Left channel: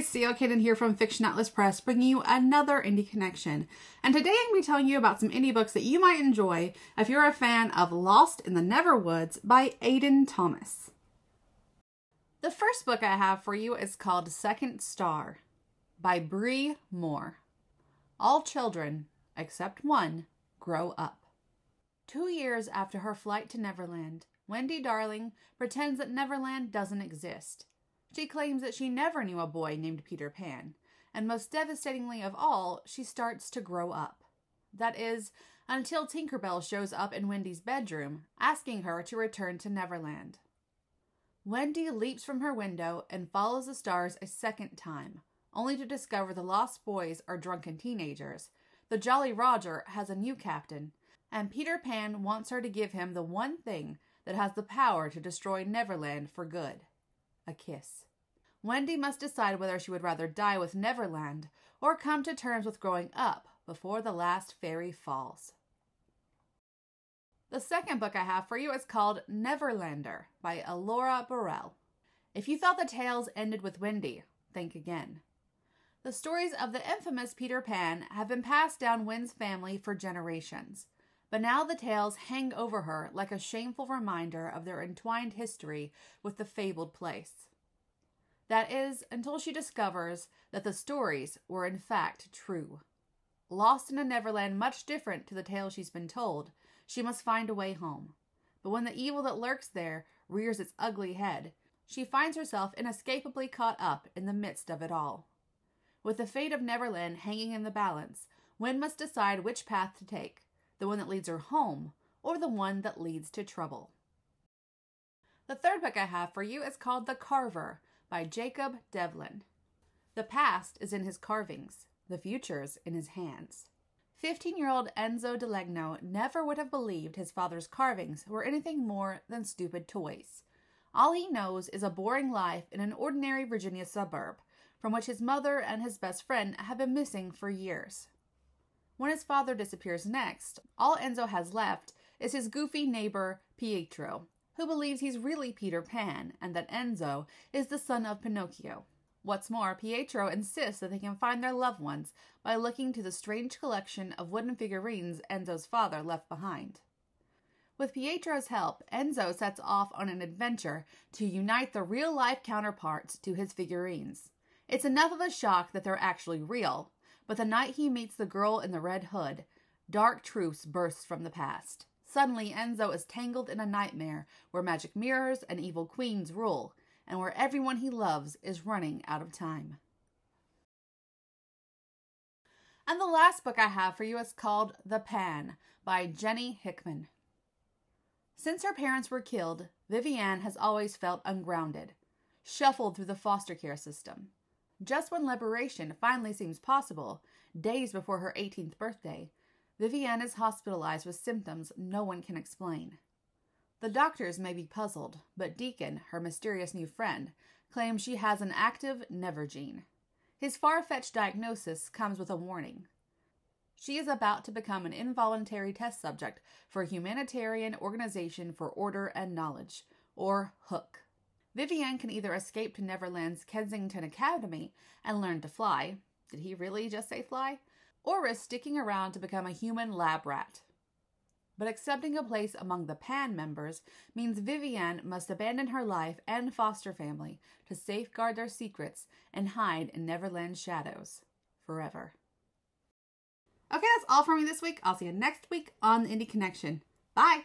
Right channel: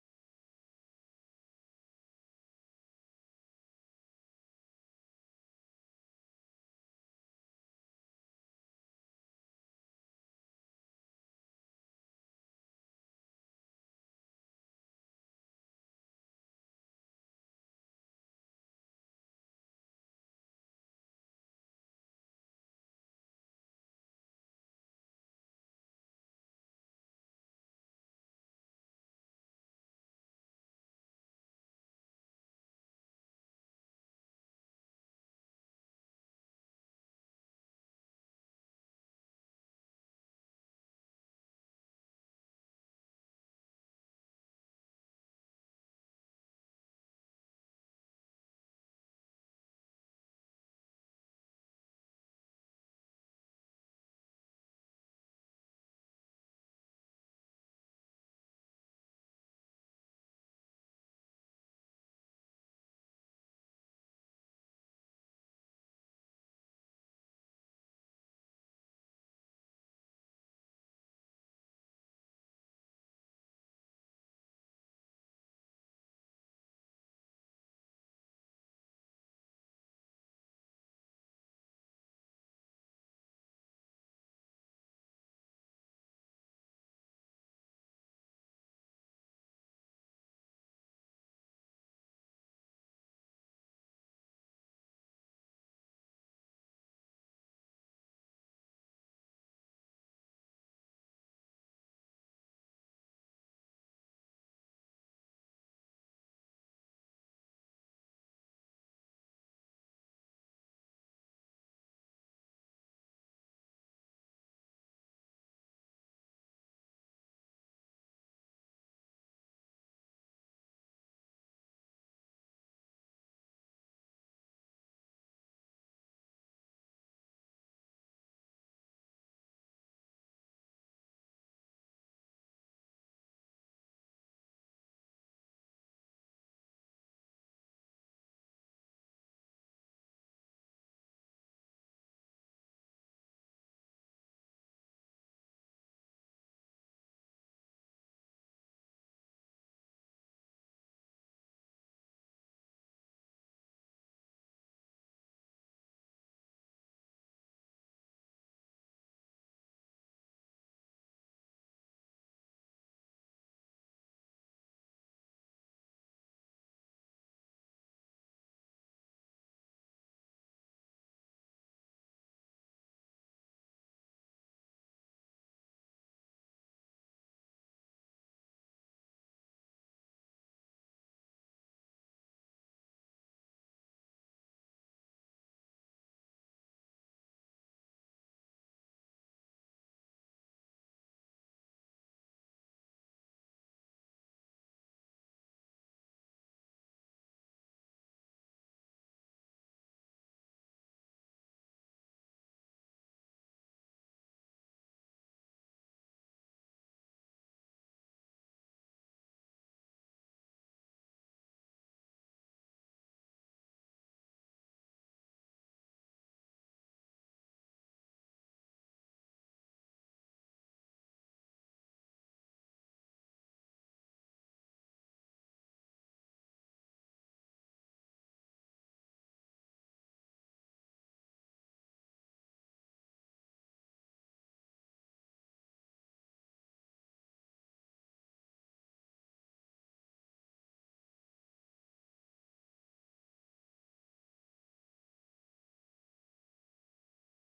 guys, CEO Kaden here from Fiction Atlas Press, bringing you another indie connection. And today I'm going to be telling you about some indie books that you might enjoy if you're a fan of Lost in the Neverwoods by Aiden Thomas. The first book I have for you is called Second Star by Bree Moore. All children, except one, grow up. 2 years after her flight to Neverland, Wendy Darling pretends that Neverland doesn't exist. She claims that she never knew a boy named Peter Pan, and most devastatingly of all, she starts to grow up. That is, until Tinkerbell shows up in Wendy's bedroom, asking her to return to Neverland. Wendy leaps from her window and follows the stars a second time, only to discover the lost boys are drunken teenagers, the Jolly Roger has a new captain, and Peter Pan wants her to give him the one thing that has the power to destroy Neverland for good. A kiss. Wendy must decide whether she would rather die with Neverland or come to terms with growing up before the last fairy falls. The second book I have for you is called Neverlander by Elora Burrell. If you thought the tales ended with Wendy, think again. The stories of the infamous Peter Pan have been passed down Wen's family for generations, but now the tales hang over her like a shameful reminder of their entwined history with the fabled place. That is, until she discovers that the stories were in fact true. Lost in a Neverland much different to the tale she's been told, she must find a way home. But when the evil that lurks there rears its ugly head, she finds herself inescapably caught up in the midst of it all. With the fate of Neverland hanging in the balance, Wen must decide which path to take, the one that leads her home or the one that leads to trouble. The third book I have for you is called The Carver by Jacob Devlin. The past is in his carvings, the future's in his hands. 15-year-old Enzo Delegno never would have believed his father's carvings were anything more than stupid toys. All he knows is a boring life in an ordinary Virginia suburb, from which his mother and his best friend have been missing for years. When his father disappears next, all Enzo has left is his goofy neighbor Pietro, who believes he's really Peter Pan and that Enzo is the son of Pinocchio. What's more, Pietro insists that they can find their loved ones by looking to the strange collection of wooden figurines Enzo's father left behind. With Pietro's help, Enzo sets off on an adventure to unite the real-life counterparts to his figurines. It's enough of a shock that they're actually real, but the night he meets the girl in the red hood, dark truths burst from the past. Suddenly, Enzo is tangled in a nightmare where magic mirrors and evil queens rule, and where everyone he loves is running out of time. And the last book I have for you is called The Pan by Jenny Hickman. Since her parents were killed, Vivienne has always felt ungrounded, shuffled through the foster care system. Just when liberation finally seems possible, days before her 18th birthday, Vivienne is hospitalized with symptoms no one can explain. The doctors may be puzzled, but Deacon, her mysterious new friend, claims she has an active never gene. His far-fetched diagnosis comes with a warning. She is about to become an involuntary test subject for a Humanitarian Organization for Order and Knowledge, or HOOK. Vivienne can either escape to Neverland's Kensington Academy and learn to fly. Did he really just say fly? Or risk sticking around to become a human lab rat. But accepting a place among the Pan members means Vivienne must abandon her life and foster family to safeguard their secrets and hide in Neverland's shadows forever. Okay, that's all for me this week. I'll see you next week on the Indie Connection. Bye!